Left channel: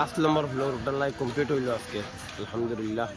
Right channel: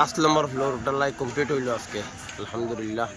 5 নম্বর floor ঢালাই complete হইল আজকে আলহামদুলিল্লাহ।